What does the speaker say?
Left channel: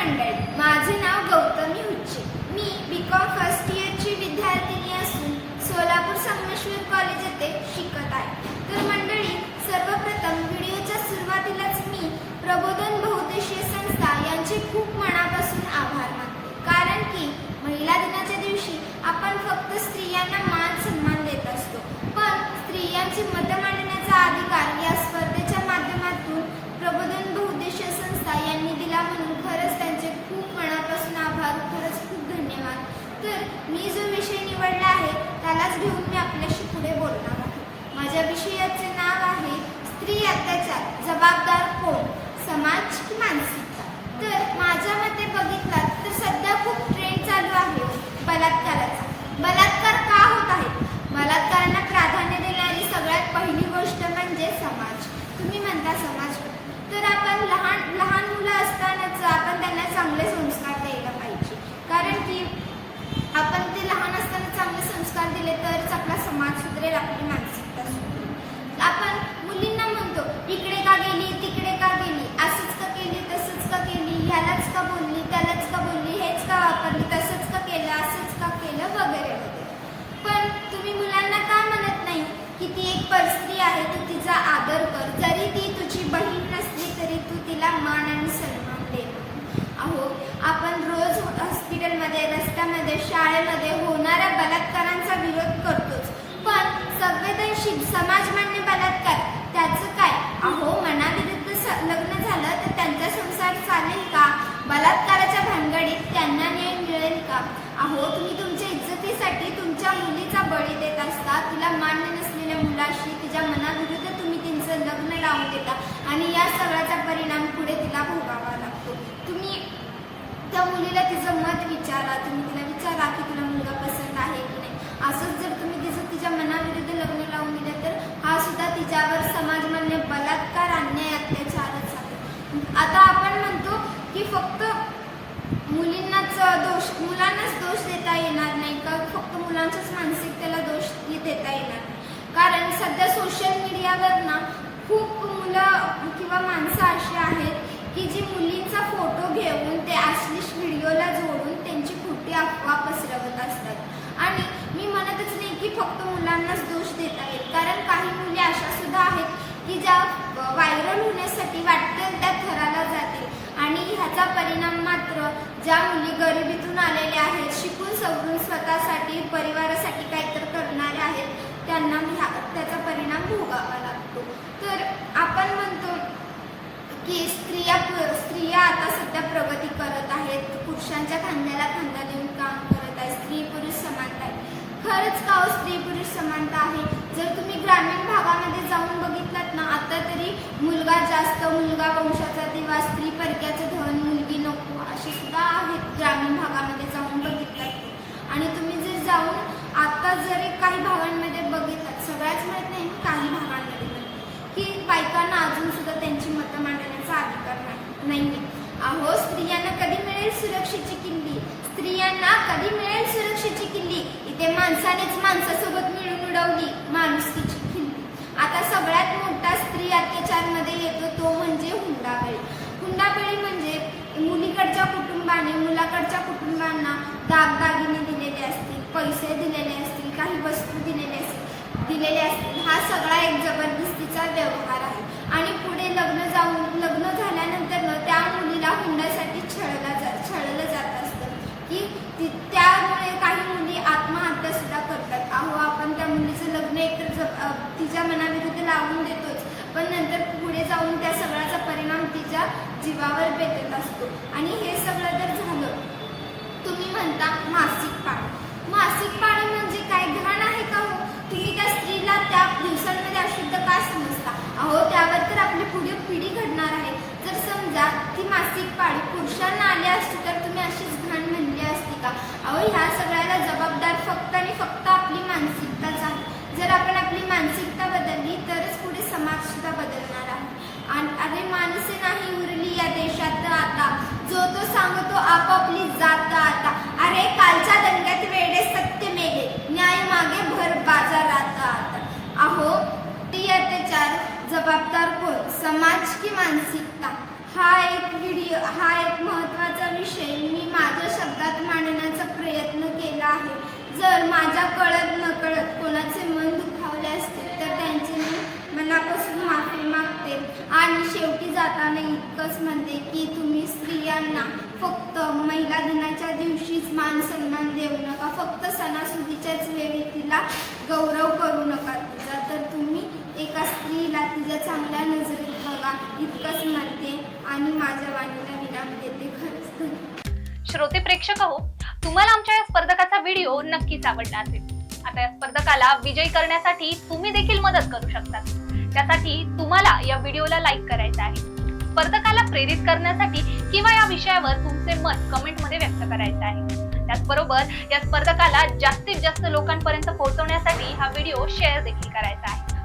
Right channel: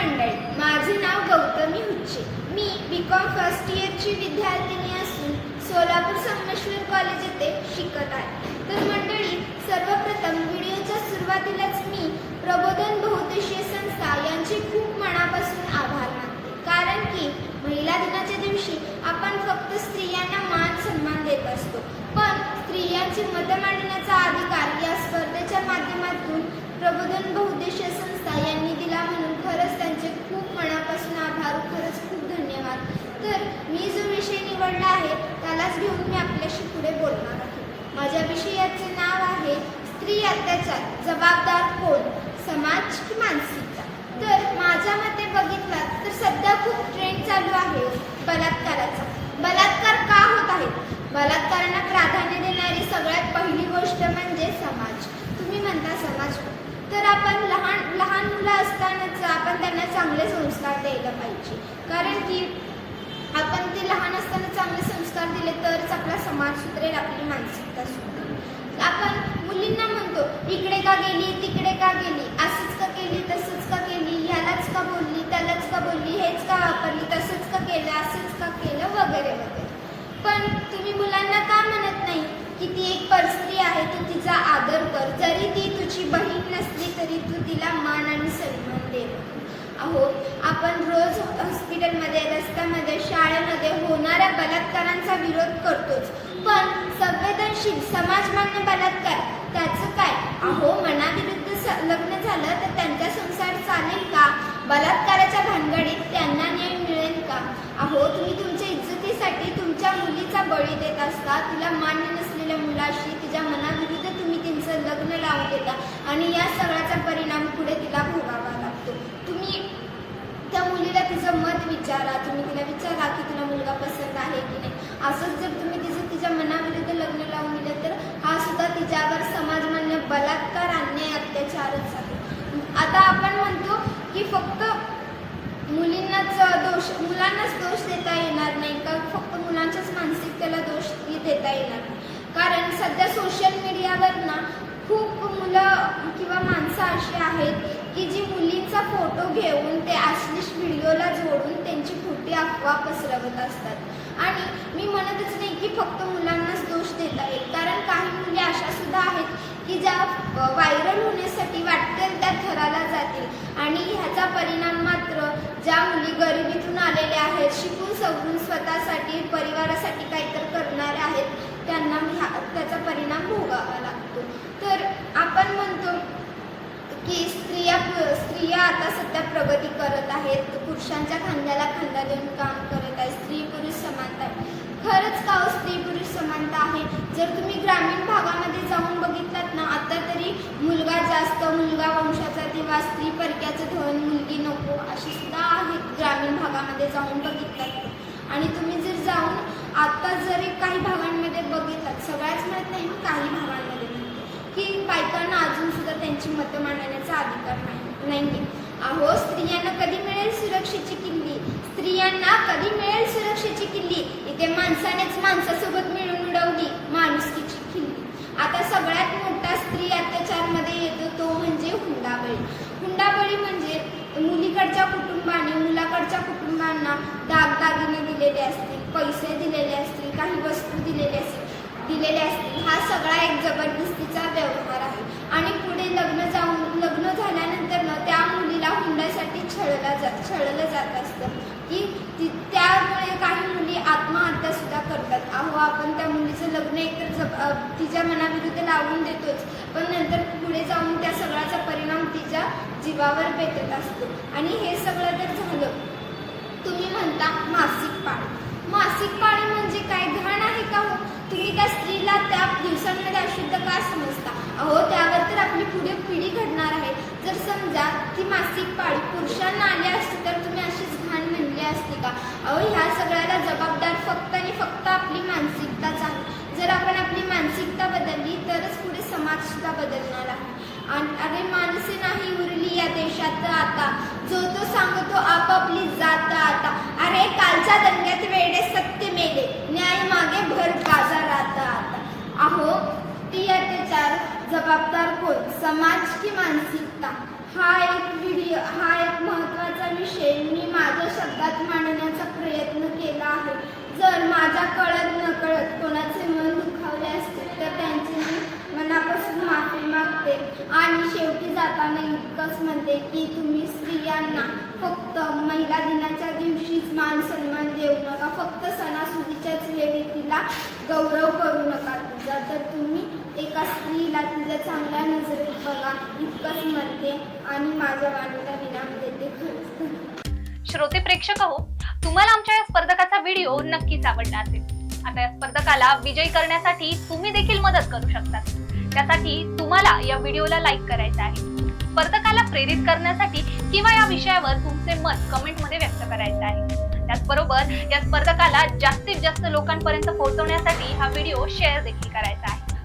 मंडळी. माझे नाव गौतमी हुच्चे. मी बी कॉम फर्स्ट इयरची विद्यार्थिनी असून सोलापूर संगमेश्वर कॉलेज येथे शिकत आहे. तर मंडळी सर्वप्रथम व्हिडिओच्या सुरुवातीलाच मी प्रबोधन बहुउद्देशीय संस्था यांचे खूप मनापासून आभार मानते. कारण की महिला दिनाच्या दिवशी आपण फक्त स्त्रियांना मान सन्मान देत असतो. पण स्त्रियांचे मतं मांडण्याचा अधिकार या स्पर्धेच्या माध्यमातून प्रबोधन बहुद्देशीय संस्था यांनी तर मी जो विषय निवडला आहे त्यालाच घेऊन मी आपल्याशी पुढे बोलणार आहे. माझ्या विषयाचे नाव आहे स्त्री अत्याचार जबाबदार कोण? समाज की मानसिकता? तर माझ्या मते बघितला तर सध्या खूप ट्रेंड चालू आहे हो, बलात्काराचा. बलात्कार का होत आहे? बलात्कारांना प्राधान्य देणारी सगळ्यात पहिली गोष्ट म्हणजे समाज. तुम्ही म्हणता समाज तर आपण लहान लहान मुलं असतानाच आपण त्यांना चांगले संस्कार द्यायला पाहिजे. कारण की आपण ते लहान असताना चांगले संस्कार दिले तरच आपला समाज सुधरेल आपली मानसिकता सुधरेल. आपण मुलींना म्हणतो इकडे का गेली तिकडे का गेली? असंच का केली तसंच का केली? ह्यालाच का बोलली त्यालाच का बोलली? हेच का वापरली तसंच का केलं असंच का केलं? वगैरे वगैरे. पण तुम्ही मुलांना का म्हणत नाही की ती एक परस्त्री आहे तू तिचा आदर कर? जरी ती तुझी बहीण नसली तरी तू तिला मान आणि सन्मान दे. अहो आपण रोज हॉस्पिटलमध्ये रस्त्यामध्ये शाळेमध्ये होणाऱ्या बलात्कारांचा विरोध करतोच. पण संवेदनशील समाजमान्य बलात्कार त्याचं काय? अहो मनाविरुद्ध स- लग्न झालं तर त्यांचा संसार चालेल का? बलात्काराच्या भानगडीत त्यांना न्याय मिळेल का? अहो तुम्ही तुमचे इज्जतीसाठी तुमच्या मुलीचा बळी देत असता तिला मान्य नसलेल्या मुलाशी तिच्या मनाविरुद्ध तुम्ही तिचं लग्न लावून देता आणि या सगळ्याचा परिणाम पुढे तिला भोगावा लागतो. तुम्ही त्या मुलीला तिचं मत विचारा. तुम्ही तिला विचारा की तुला मुलगा पसंत आहे की नाही. असंच जर तुम्ही तिचं तिच्या मनाविरुद्ध लग्न लावून दिलं तर हा सुद्धा तिच्यावर समाजमान्य बलात्कार अन्याय अत्याचारच आहे. आता आपण म्हणतो की फक्त मुलींनाच दोष मुलांनाच दोष देता येणार नाही का? फक्त मुलांच्याच मानसिकतेला दोष देता येणार नाही. कारण सध्या सोशल मीडियावर ना खूप मुलं किंवा माणसं अशी आहेत की जी मुलींचा फोटो घेऊन ते अश्लीष व्हिडिओला जोडून त्यांची खोटी अफवा पसरवत असतात. आणि मी म्हणतच नाही की फक्त मुलांनाच दोष देता येईल. कारण काही मुली अशा सुद्धा आहेत की ज्या व्हायरल होण्यासाठी वाटतील त्या थराला जातील. आणि ह्याचा परिणाम मात्र ज्या मुली गरिबीतून आलेल्या आहेत शिकून सवरून स्वतःसाठी परिवारासाठी काहीतरी करणाऱ्या आहेत त्यांना ह्या त्याचा परिणाम भोगावा लागतो. तर आपण म्हणतो की स्त्रिया स्त्रिया आता सध्या प्रगती करत आहेत. पुरुषांच्या खांद्याला खांदा देऊन काम करत आहेत स्त्री पुरुष समानता आहे. खरंच का हो स्त्री पुरुष समानता आहे? जर तुम्ही ग्रामीण भागामध्ये जाऊन बघितलात ना आता तरी मुलगा जास्त मुलगा वंशाचा तेव्हा स्त्री परक्याचं धन मुलगी नको अशी सुद्धा आहेत ग्रामीण भागामध्ये जाऊन बघितलात आणि तुम्ही जर जाऊन आता जरी काही भागांमध्ये बघितलात सगळ्याच म्हणत नाही काही भागांमध्ये म्हणते की बायकांना अजून सुद्धा त्यांची मतं मांडण्याचा अधिकार नाही नाही. अहो स्त्रियांना कधी मिळेल सुरक्षेची किल्ली? स्त्रियांना कधी मिळेल सुरक्षेची किल्ली? इथे माणसानेच माणसासोबत मिळून मिळवली माणुसकीची किल्ली. आता सगळ्यात मोठा स्त्री अत्याचारमध्ये येतो तो म्हणजे हुंडाबळी. हुंडाबळी म्हणजे मुलीकडच्या कुटुंबाने मुलाकडच्या कुटुंबांना दागदागिने दिलेले असतील पैसे दिलेले असतील काही वस्तू दिलेले असतील दिलेले असतील हा सगळा एक जबरदस्तीचा व्यवहार आहे आणि पुढे लग्न जाऊन लग्न झाल्यानंतर ना त्या मुलीला हुंड्यासाठी छळला जा छळलं जात असतं की ती त्यामुळे काही मुली आत्महत्या सुद्धा करतात. अहो आपण त्या मुलीचं लग्न एकतर जप तिच्या मनाविरुद्ध लावून देतोच पण नंतर पुढे जाऊन त्या सगळ्याचा परिणाम तिच्या जीवावर भेटत असतो. आणि हे सगळं जर झालं. तुम्ही म्हणता मासिक पाळी. मासिक पाळी म्हणजे काय? घाण आहे का हो? तुम्ही त्या स्त्रीला त्या दिवसांमध्ये अशुद्ध का समजता? अहो त्यावर तर आपली पुढे पिढी तर समजा ती मासिक पाळी पुरुषांना आली असती तर तुम्ही अशीच घाण म्हणली असती का? अहो ह्या सगळ्याला जबाबदार फक्त आणि फक्त आपली मानसिकताच आहे. जर आपण आपली मानसिकता बदलली तरच पुढे समाज सुद्धा बदलणार आहे. आणि अरे माणसे नाही उरली या देशात आता. जो तो सांगतो आपापली जात आता. अरे कालच्या दंग्यात वेडे सत्य मेले न्याय मागे भर बाजारात आता अहो ती अत्याचार जबाबदार कोण समाज की मानसिकता हा एक व्हिडिओ हा एक महत्त्वाचा विषय मी माझ्या शब्दात मांडण्याचा प्रयत्न केला आहे. जर माझ्या कळत नकळत कोणाचे मन दुखावले असतील तर त्यांची मी मनापासून माफी मागते. आणि शेवटी जाताना इतकंच म्हणते की तुम्ही स्त्रियांना फक्त महिला दिनाच्या दिवशीच मान सन्मान देऊ नका. फक्त सणासुदीच्याच वेळी तिला गौरव करू नका. तिचा तर तुम्ही एका स्त्रीला तिच्या चांगल्या नजरेत बघा इतकंच म्हणते आणि माझ्या वाणीला विराम देते खरंच. श्रोते प्रेक्षक हो तुम्हाला आमच्या या स्पर्धकाचा व्हिडिओ नक्कीच आवडला असेल. आता या स्पर्धकाला विजयी करण्यासाठी तुम्ही देखील मदत करू शकता त्यासाठी तुम्हाला या व्हिडिओला लाईक करायचं आहे. स्पर्धकाला प्रेरित करण्यासाठी किंवा या विषयावर तुमचे मत कमेंटमध्ये व्यक्त करायचे आहे. त्याचबरोबर या स्पर्धकाला जास्तीत जास्त लोकांपर्यंत पोहोचवण्यासाठी हा व्हिडिओ शेअर देखील करायचा आहे.